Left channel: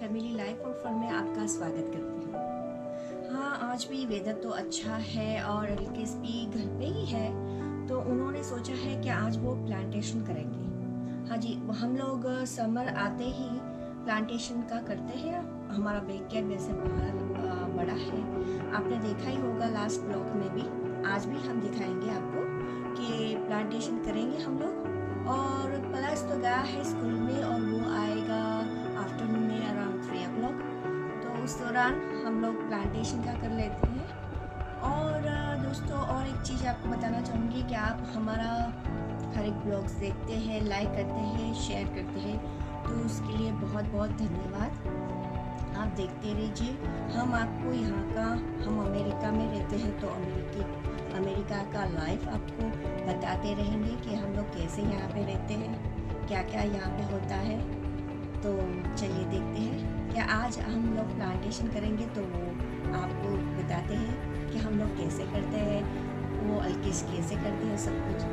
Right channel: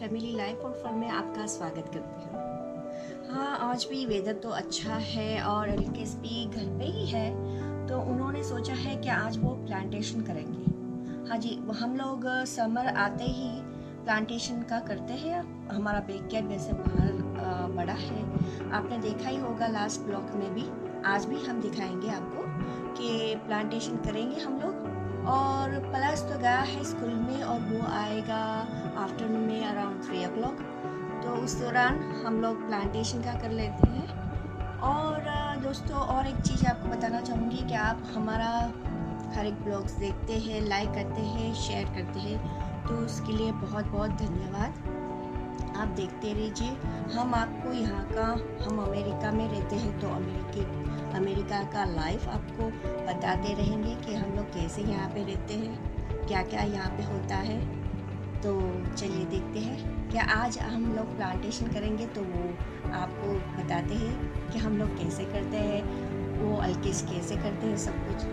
Family life और fun में आपका स्वागत करती हूँ। हाँ, आज भी वेदर तो अच्छा है और एलकेस भी घर पे ही है, तो उन्होंने सोचा है कि आज वो प्लांटेशन करेंगे। हाँ जी, हम लोग समर आते ही प्लांटेशन का करते हैं। हमारा बैकयार्ड वैसे बाहर बड़ा है, आपने देखा ही होगा लास्ट ब्लॉग में भी। आज भी हम दिखाएंगे आपको कि प्लांटेशन करेंगे हम लोग। और प्लस तो गया है स्कूल में और वो आएगा आफ्टरनून में अराउंड 3 o'clock, तो उस दौरान हम लोग प्लांटेशन का कर लेते हैं। और दोस्तों, और एक चीज़ आपको बताना चाहूँगी कि आप हमारा हर एक ब्लॉग्स देखते हैं, लाइक करते हैं, शेयर करते हैं, तो उसके लिए बहुत बहुत धन्यवाद। आप देखते रहिए। हम आपको यहाँ का, हम अमेरिका में रहते हैं तो अमेरिका का लाइफ आपको बताते रहेंगे कि हम लोग कैसे यहाँ पे रहते हैं, क्या क्या यहाँ पे होता है। तो चलिए देखते हैं क्या आज हम लोग प्लांटेशन करेंगे, तो वो आपको बताते हैं कि हम लोग कैसे करते हैं, वो अलकेश कैसे करते हैं, सब कुछ।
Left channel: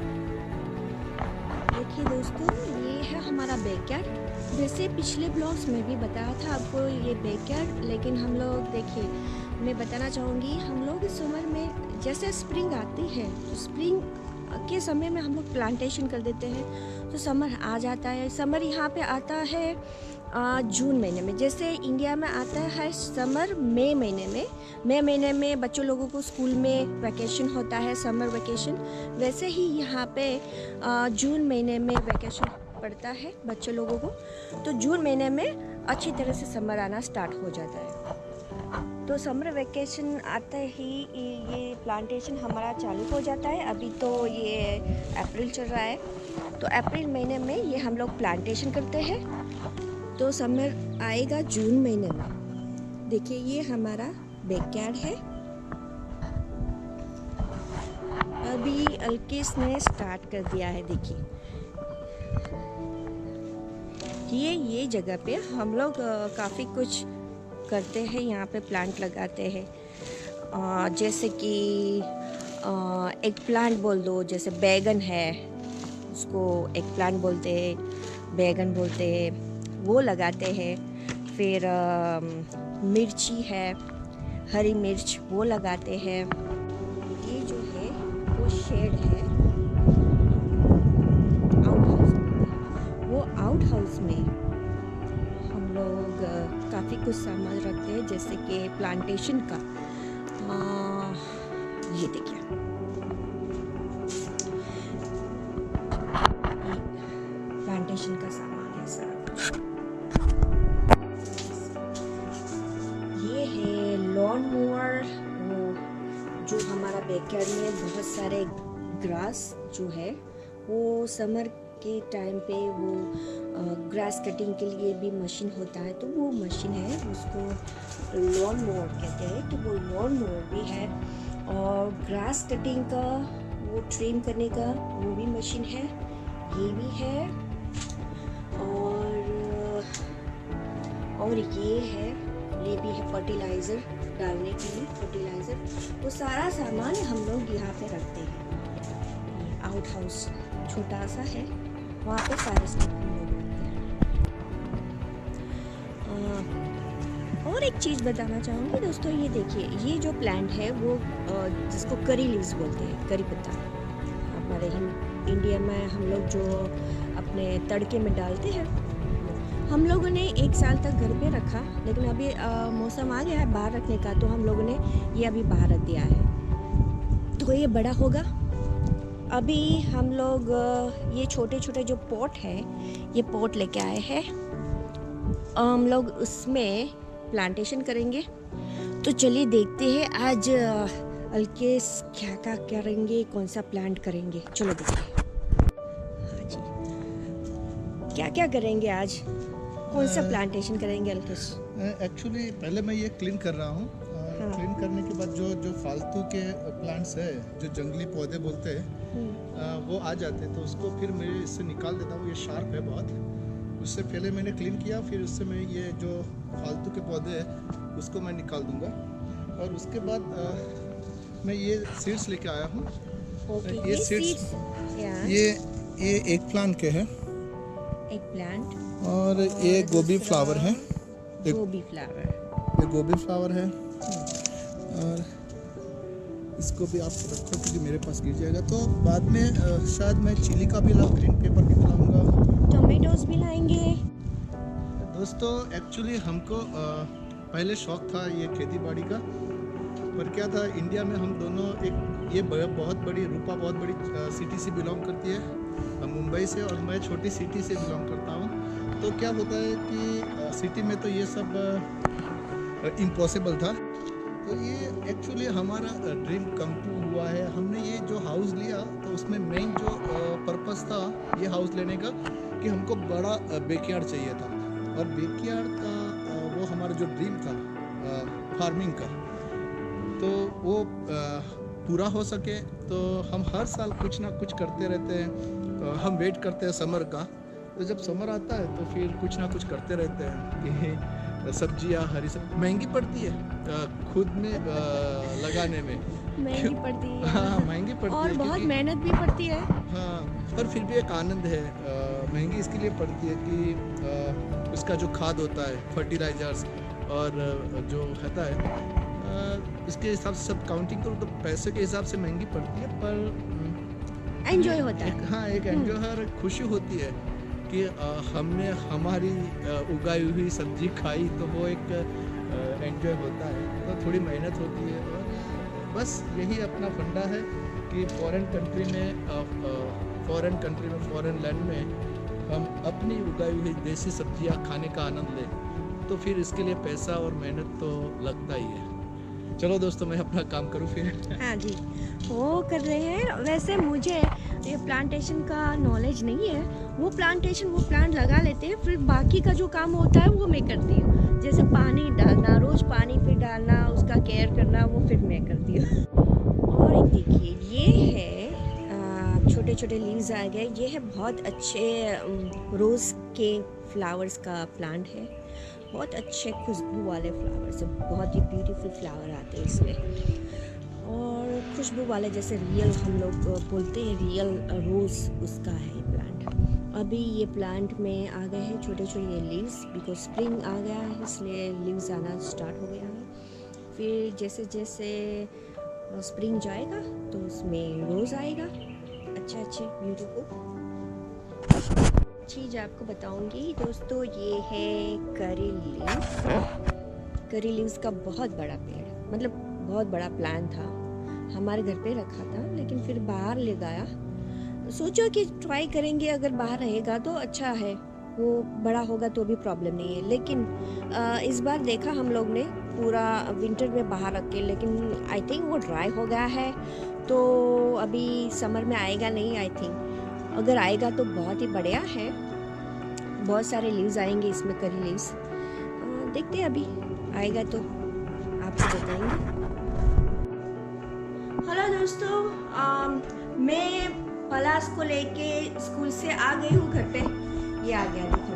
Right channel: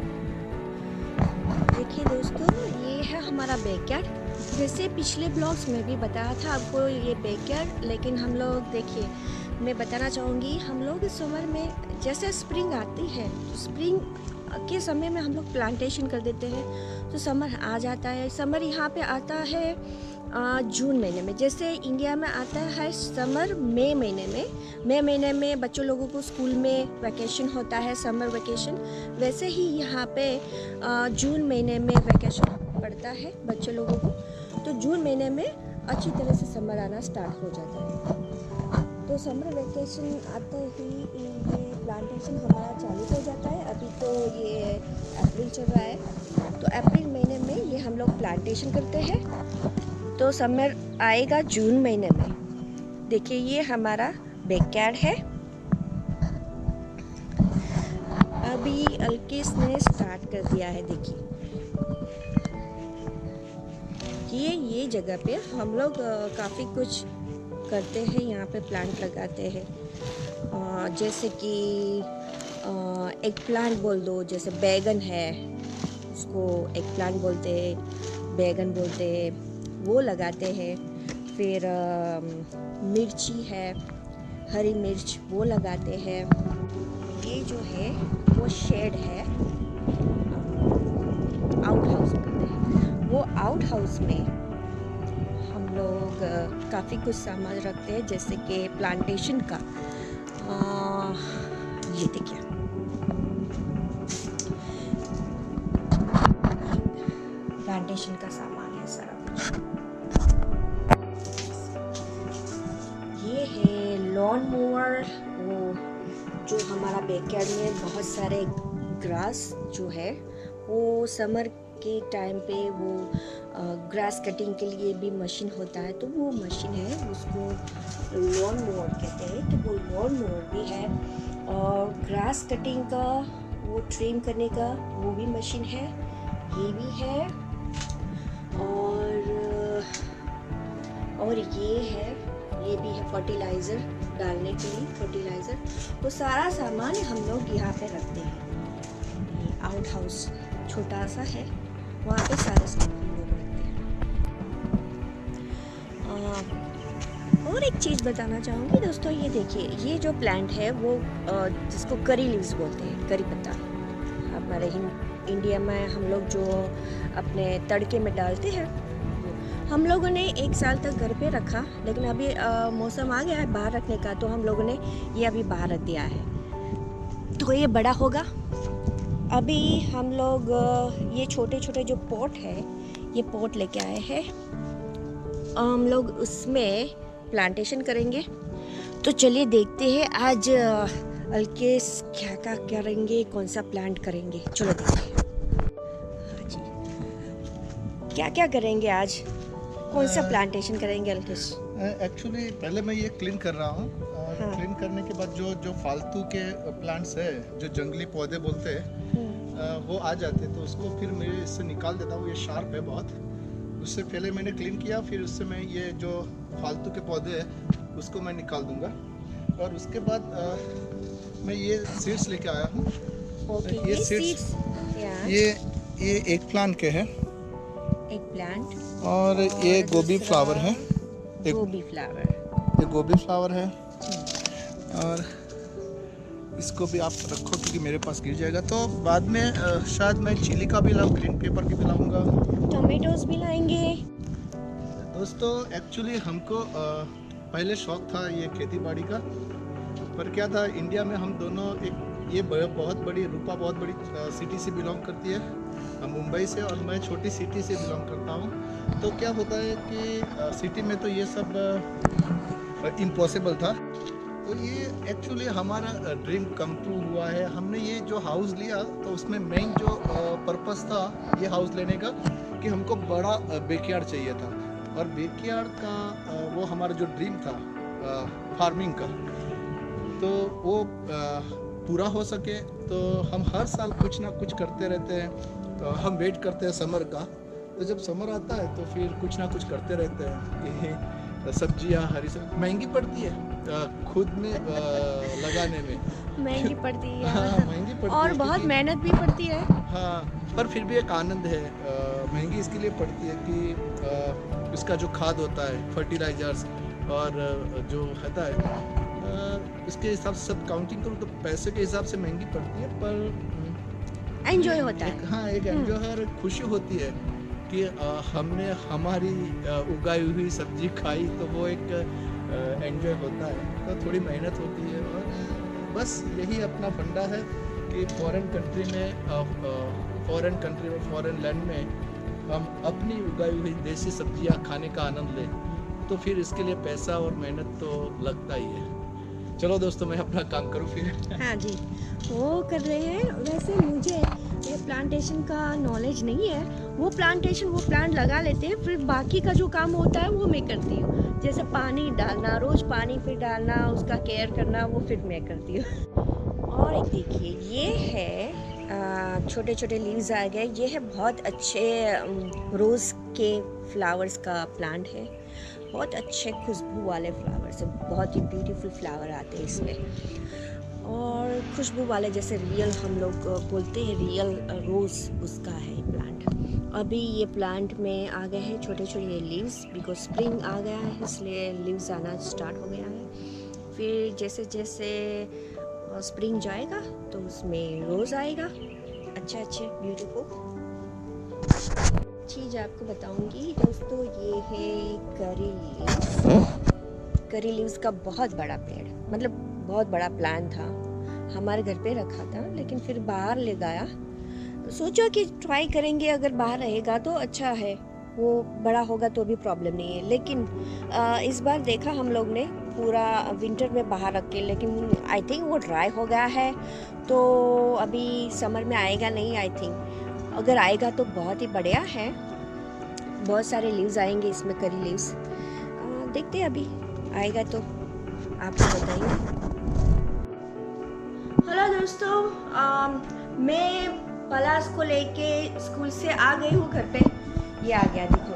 देखिए दोस्तों, ये है हमारा बैकयार्ड। वैसे पिछले ब्लॉग्स में भी बताया था आपको ये बैकयार्ड, लेकिन हम लोग देखिए, मैं बताना चाहूँगी, हम लोग इस समर में जैसे स्प्रिंग आती है तो स्प्रिंग के समय में हम लोग प्लांटेशन कर देते हैं, तो समर आ जाता है। समर यहाँ पे आता है जून महीने में, जैसे इंडिया में आता है समर मई महीने में बच्चों लोगों को स्कूल में वैकेशन होता है, समर वैकेशन। वैसे ही यहाँ पे जून महीने में वैकेशन पड़ता है बच्चों लोगों को, तो जून महीने में अच्छी तरह से समर आना स्टार्ट हो जाता है। तो समर वैकेशन आते ही ये प्लांटेशन हमारा चालू हो जाता है। अभी तो ये अप्रैल चल रहा है, तो अप्रैल महीने में ये हम लोग प्लांटेशन करते हैं, तो समर आएगा जून महीने में। देखिए, ये हमारा बैकयार्ड है। अभी अलकेश ने स्टार्ट कर दिया है। देखिए, ये जगह पे हम लोग काफ़ी कुछ करते हैं। यहाँ पे प्लांट लगाते हैं, जैसे कि एक प्लांट बोल दो, जैसे बैगन है, उसको एक प्लांट बोलते हैं, बैगन बोलते हैं, वो लगाते हैं। फिर मिर्ची है, हरी मिर्च, वो लगाते हैं। ये जो है वो शेड है, आउट हाउस बोलते हैं। वो आउट हाउस में हम लोग काफ़ी कुछ सामान रखते हैं, जैसे कि प्लांटेशन का। ये देखिए, प्लांटेशन का सामान है सारा कुछ। ये है लॉन मोवर, वो जो हमारा बैकयार्ड में बहुत सारे ग्रास जो है, वो समर के टाइम पे वो ग्रास कटिंग के लिए भी मशीन होता है, तो वो मशीन है, उसको लॉन मोवर कहते हैं, तो वो लॉन मोवर भी है। और ग्रास कटिंग का, वो ट्रिम करने का, वो भी मशीन है, ये भी है। और ये है, ये भी है फर्टिलाइज़र डालने के लिए, फर्टिलाइज़र। तो सारा सामान हम लोग यहाँ पे रखते हैं। ये आउट हाउस छोटा सा है, वहाँ पे सारे स्टॉक हम लोग रखते हैं। और एक चीज़ बताना चाहूँगी दोस्तों, ये देखिए, ये जो प्लांट है वो जिसको करी लीव्स बोलते हैं, करी पत्ता। हमारे इंडिया में हम लोग जो अपने तड़के में डालते हैं, हम लोगों ने 1 साल तक घर पे रखा, लेकिन अभी मौसम आ गया है बाहर रखने का, तो हम लोगों ने ये अभी बाहर रख दिया है, तो ये बड़ा होगा। अभी हम लोग ये छोटे छोटे जो पॉट है, ये पॉट लेके आए हैं, हम लोग उसमें प्लांटेशन करेंगे। तो चलिए देखते हैं आज अलकेश क्या क्या करेंगे, कौन सा प्लांट करेंगे, चलो देखिए। हाँ जी, क्या क्या करेंगे आज, कौन सा प्लांटेशन करेंगे अलकेश? एक्चुअली पहले मैं ये क्लीन कर रहा हूँ, और हाँ। क्लीन करने के बाद जो फालतू के प्लांट्स है, जो जंगली पौधे बोलते हैं, वो आ जाते हैं, तो उसको फिर मैं इससे निकाल देता हूँ। ये शार्प है बहुत, उससे पहले मैंने क्लीन किया, फिर उससे मैं ये जो फालतू के पौधे हैं उसको मैं निकाल दूंगा। और उसके बाद मैं ये सीड्स लेके आया हूँ। ओके, ये सीड्स, ये एक प्लांट के हैं, एक प्लांट, और ये गोभी फ्लावर है। गोभी फ्लावर। ये गोभी फ्लावर है और इसको भी आप रखो क्योंकि मेरे पास गिर जाएगा। तो बाद में शायद मैं चिली का भी लाऊं, ग्रीन पेपर की भी लाऊंगा। टोमेटोज भी लाएंगे। दोस्तों एक्चुअली हमको पहले शौक था ये खेती बाड़ी का, पर क्या था इंडिया में हम दोनों ये बहुत बड़ी रूपा बहुत बड़ी सिटी से बिलोंग करती है, मुंबई से, और मैं छोटी सिटी से बिलोंग करता हूँ। तो क्या होता है कि सिटी में तो ये सब इम्पॉसिबल था। तो ये एक्चुअली हमारा ड्रीम कम ट्रू हुआ है। हमने ये जो हाउस लिया तो उसमें मेन जो पर्पस था ये हाउस लेने का कि हमको बड़ा बैकयार्ड चाहिए था, और बैकयार्ड का वो हमारा जो ड्रीम था फार्मिंग का, तो वो पूरा हो सके तो हम हर साल कुछ ना कुछ करते रहते हैं। तो हम वेट करते हैं समर का, तो जब समर आता है तो फिर कुछ ना कुछ करते रहते हैं कि सब्जियां हरी सब्जी महंगी पड़ती है खुद में लगाने में, महंगी पड़ती है। हाँ महंगी पड़ती और है बहुत मेहनत भी पड़ती है। हाँ, पर फिर भी एक आनंद है। महंगी इसके लिए पड़ती है कि इसका जो खाद होता है, फर्टिलाइजर्स और जो होता है इसके हिसाब से सब काउंटिंग करूँ तो पैसे के हिसाब से महंगी पड़ती है, पर एंजॉय होता है। हाँ एक एंजॉय है और खुशी होती है कि हमने हमारी उगाई हुई सब्जी खाई, तो वो एक एंजॉय होता है। तो थोड़ी मेहनत होती है और बस यही अपना फंडा है कि फॉरेन कंट्री में फॉरेन लैंड में हम अपनी उगाई हुई देसी सब्जियां खाने का आनंद लें, तो फिर इसके लिए पैसा और मेहनत तो लगता ही है। चलो दोस्तों मैं अपना काम करूँ फिर। हाँ जी, वो कर रहे हैं। वैसे मुझे ये प्लांटेशन का नॉलेज नहीं है। वो प्लांट लगा लेते हैं, फिर बाकी का जो काम होता है वो मैं करती हूँ। जैसे पानी डालना, रोज़ पानी फिर डालना, उसका केयर करना, वो फिर मैं करती हूँ। और एक देखिए ये है छोटे छोटे लीव्स आ गए। ये है बहुत अच्छे रोज़ के फ्लावर्स का प्लांट है। बहुत अच्छे खुशबू वाले फ्लावर्स है, बहुत ही ब्यूटीफुल फ्लावर आते हैं इसमें। और खुशबू वाले जैसे रियल हम लोग बोलते हैं रियल रोज़, उसका है ये प्लांट। अभी ये प्लांट में आ गए हैं छोटे छोटे लीव्स, बिकॉज स्प्रिंग आ गया है इसलिए लीव्स आना स्टार्ट हो गया है। फिर जैसे जैसे स्प्रिंग जाएगा तो उसमें रोज़ आएगा अच्छे ब्यूटीफुल। चीज़ आपको बताऊंगी दोस्तों, ये है करी लीव्स का बहुत बड़ा पेड़, मतलब बहुत बड़ा प्लान था। हमारे घर पे रखा था लेकिन फिर बाहर ले गया। सोचा कि ट्राई करेंगे, अगर बाहर रहेगा तो अच्छा है, वो बड़ा होगा तो भी प्रॉब्लम नहीं है। लेकिन इस बार देखा हम लोग ने पूरा विंटर में बाहर रख के, लेकिन आई थिंक वो ड्राई हो गया है, तो अभी समर में आएगा नहीं आई थिंक। अगर आएगा तो बहुत ही बढ़िया है, बहुत सारे लीव्स आएंगे इसमें, करी लीव्स। देखते हैं अभी आएगा तो आपको बताएंगे। हेलो दोस्तों, मैं पलाश को लेके स्कूल से आ गई हूँ घर पे। ये आ गया देखो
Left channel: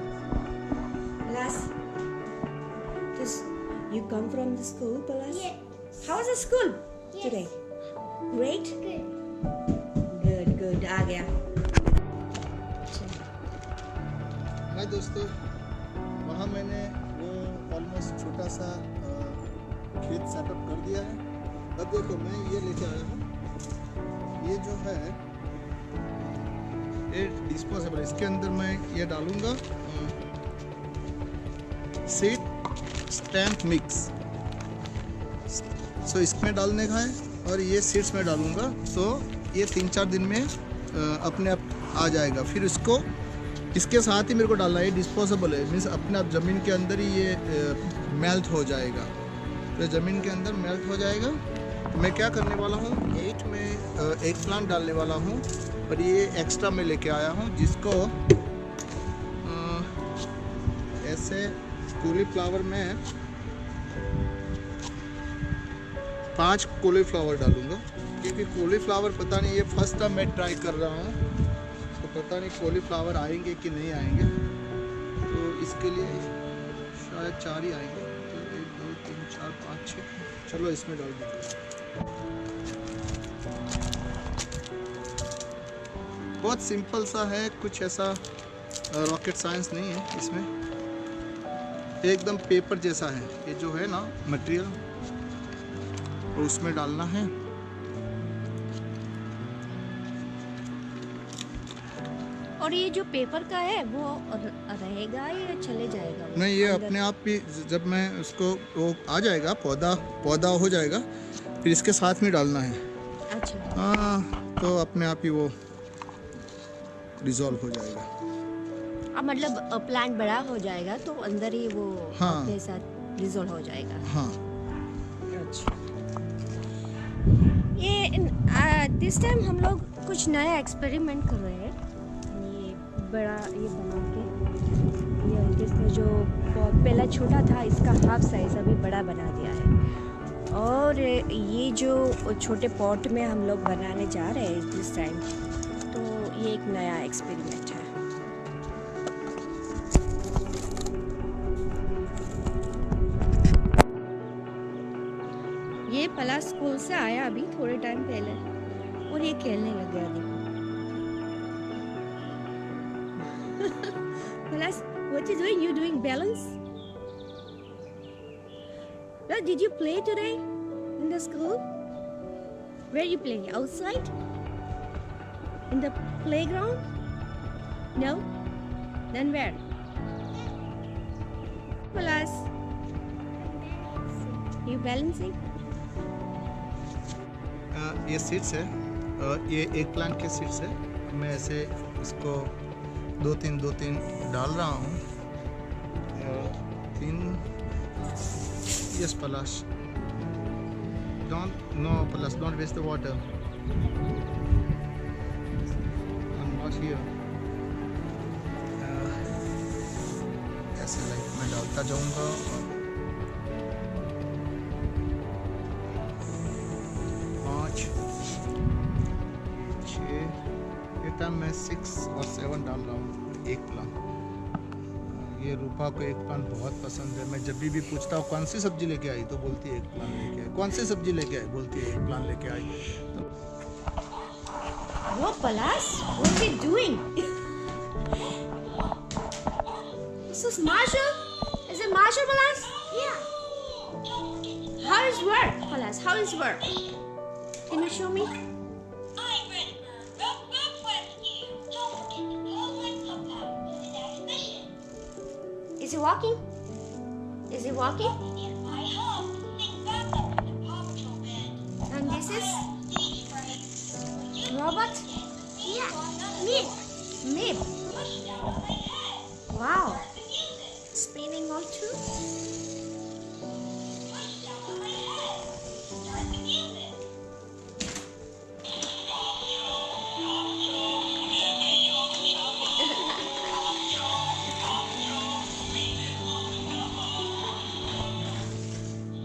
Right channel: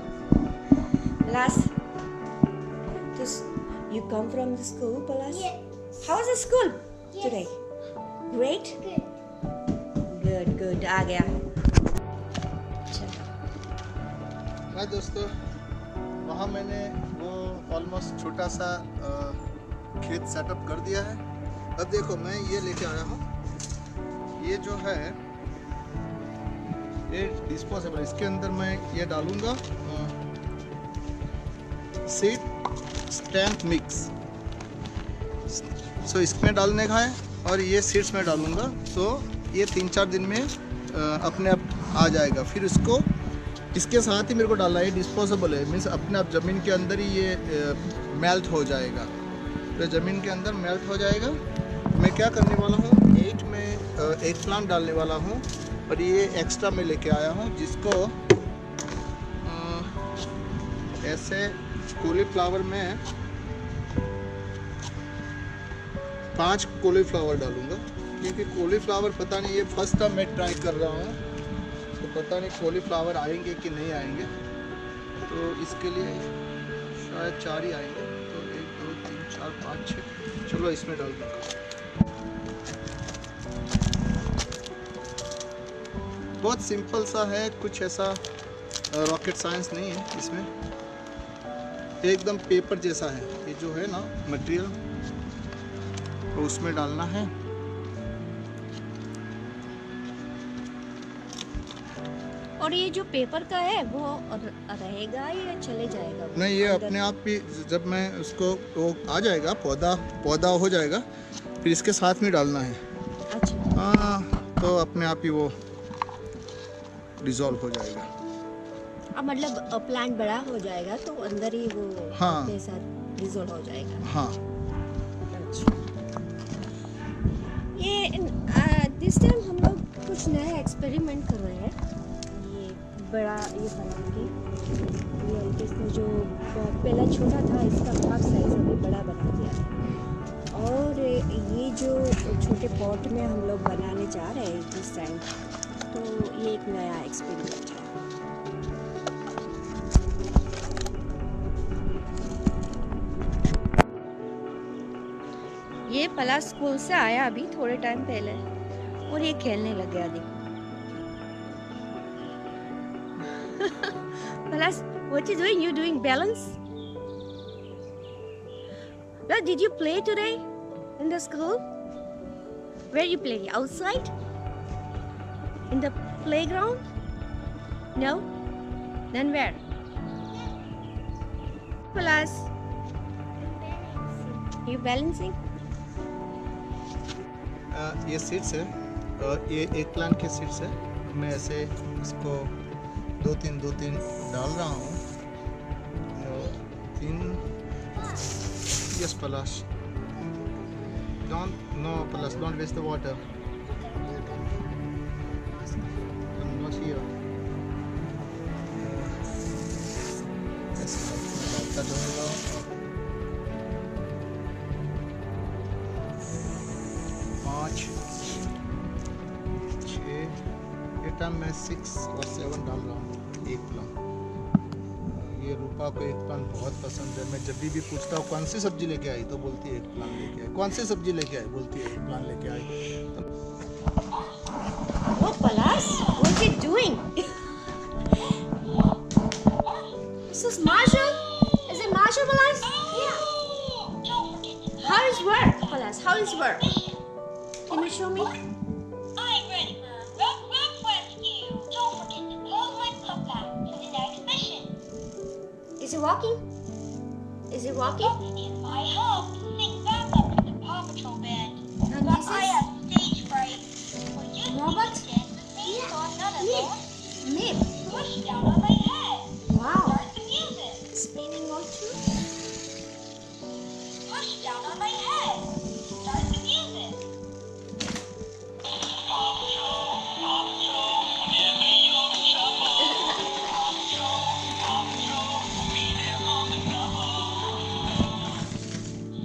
पलाश। तो you come from the school, Palash? Yes. How was the school Yes. today? Great? Good. आ गया। चलो। हाँ दोस्तों, वहाँ मैंने वो ऑलमोस्ट छोटा सा खेत सेटअप कर दिया है। अब देखो मैं ये लेके आया हूँ, ये जो है ये डिस्पोजेबल, इसके अंदर मैं ये डालूँगा सीड स्टैम्प मिक्स। सो इसमें डालने का है और ये सीड्स में डालूँगा, तो ये 3-4 दिन में अपने आप आ जाएगा। फिर इसको इसके साथ ही मेरे को डालना है, ये डिस्पोजेबल है, मीन्स अपने आप ज़मीन के अंदर ही ये मेल्ट हो जाएगा। तो ज़मीन के अंदर मेल्ट हो जाएगा। तो मैं क्या करने वाला हूँ, 8 में एक प्लांट डालने वाला हूँ, और ये एक्स्ट्रा मैं लेके आया हूँ, जिसको ऐसे कॉलीफ्लावर में 5 कॉलीफ्लावर डालूँगा, क्योंकि कॉलीफ्लावर पता नहीं, ये फर्स्ट टाइम मैं ट्राई कर रहा हूँ, तो पता नहीं कॉलीफ्लावर आएंगे कि नहीं आएंगे। तो इसके लिए शायद 4 ही आएंगे, तो 1 2 3 4 5 6, चलो इसमें डाल दूँगा। बहुत सिंपल सा है, कुछ ऐसा रॉकेट साइंस नहीं है इसमें। एकदम पेपर जैसा है। ये जो है ना मटेरियल, तो उसमें डालना है। और ये जो पेपर का है वो रहेगा या चले जाएगा वो नहीं, ये अंदर? अपने आप ही जब मैं उसको वो आ जाएगा, पौधा हो जाएगा, फिर इसके साथ में डालना है। अच्छा, हाँ, तो अपने आप ही वो डिज़ोल्व हो जाएगा। अब मतलब प्लांट बड़ा हो जाएगा तो अंदर ही वो हाँ। अपने साथ डिसॉल्व हो जाएगा। हाँ। अच्छा, ये दिस टाइम हम लोग कुछ नया एक्सपेरिमेंट कर रहे हैं। ये बड़ा ये बना के, ये अंकित ने जो बहुत पहला छोटा था इसका हाफ साइज अभी बड़ा बना दिया है। और ये जो छोटे पॉट में हम लोग बनाने जा रहे हैं दिस टाइम, तो ये एक नया एक्सपेरिमेंट है। ये पलाश स्कूल से आया अभी थोड़े टाइम पहले और ये खेलने लग गया, देखो। पलाश, what you doing? You doing balance? Well, did you play today in the school? Where you play? Outside? In the playground? No? Then where? Palash, you balancing? ये सीड्स है, ये एक प्लांट के सीड्स है। अब मैं ऐसे इसको दो तीन डाल रहा हूँ। 3 yes Palash, don't waste the water, not here. ऐसे लाइक मैं डालता जाऊँगा और 5, 6, ये टाइम मैं 6 और 7 डाल रहा हूँ एक प्लांट। ये रूपा को एक प्लांट बहुत पसंद है। मैं जब भी पूछता हूँ कौन सी सब्जी लेके आई, तो बोलती है एक प्लांट लेके आई। कौन सी सब्जी लेके आई, बोलती है एक प्लांट लेके आई। तो Whoa, Palash, what's he doing? This is Marshall? Is it Marshall, Palash? Yeah. How is work, Palash? How is work? Can you show me? I'm ready for a rough rescue. Don't forget to close my pup out for the next mission. Is he walking? Is he walking? If I help, sing back up with the Paw Patrol band. And But this I is have stage fright. Will you Robot? please dance with me Yeah. so I'm not Mib. alone? Mib. Push down on my head. Wow. Start the music. Spinning all too. Push down on my head. Start the music.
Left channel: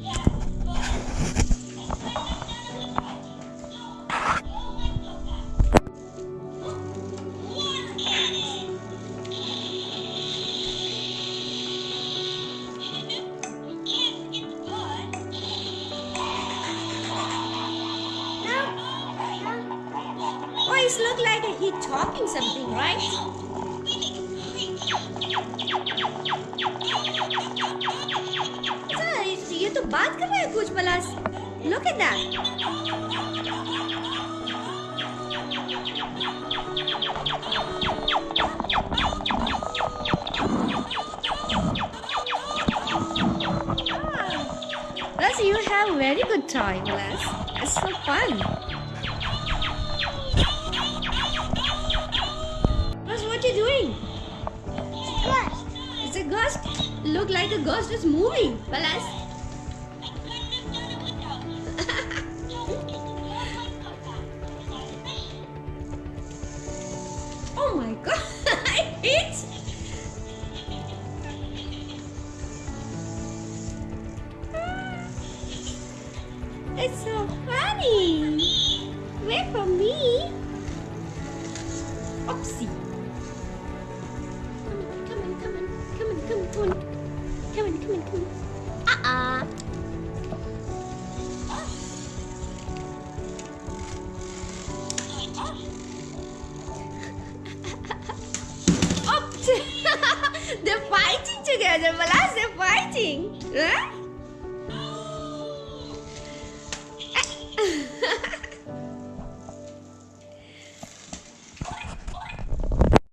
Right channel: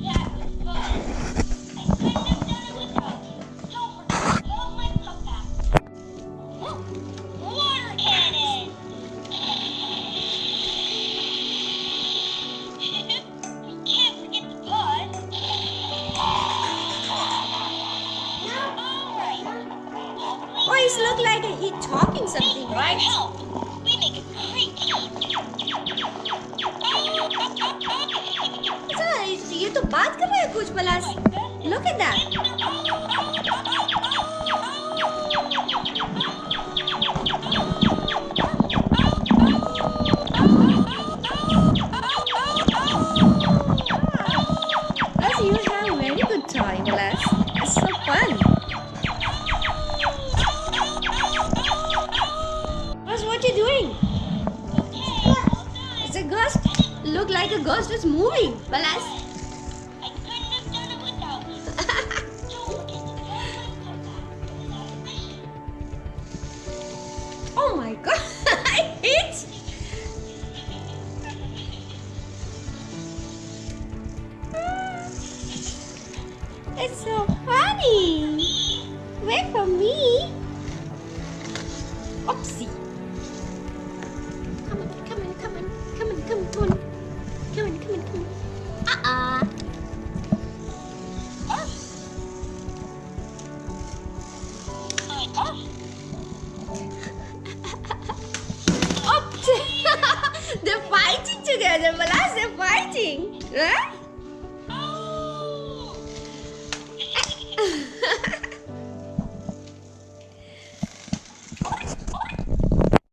That was fun. I couldn't have done it without you. Don't forget to close my pup out. Water cannon! We can't forget the pod. Alright. Oh, it look like he talking something, right? We make it creak. अच्छा, ये तो बात कर रहे हैं कुछ, पलाश। Look at that. Plus, you have very good time, Palash. It's so fun. Plus, what you doing? It's a ghost. Look like a ghost is moving, Palash. I couldn't have done it without you. Don't forget to close my pup out for the next mission. Oh my god, I hit. It's so funny. Wait for me. Oopsie. Come on, come on, come on, come on, come on, come on. Come on, come on, come on. They're fighting together. brother Velas, they're fighting. Huh?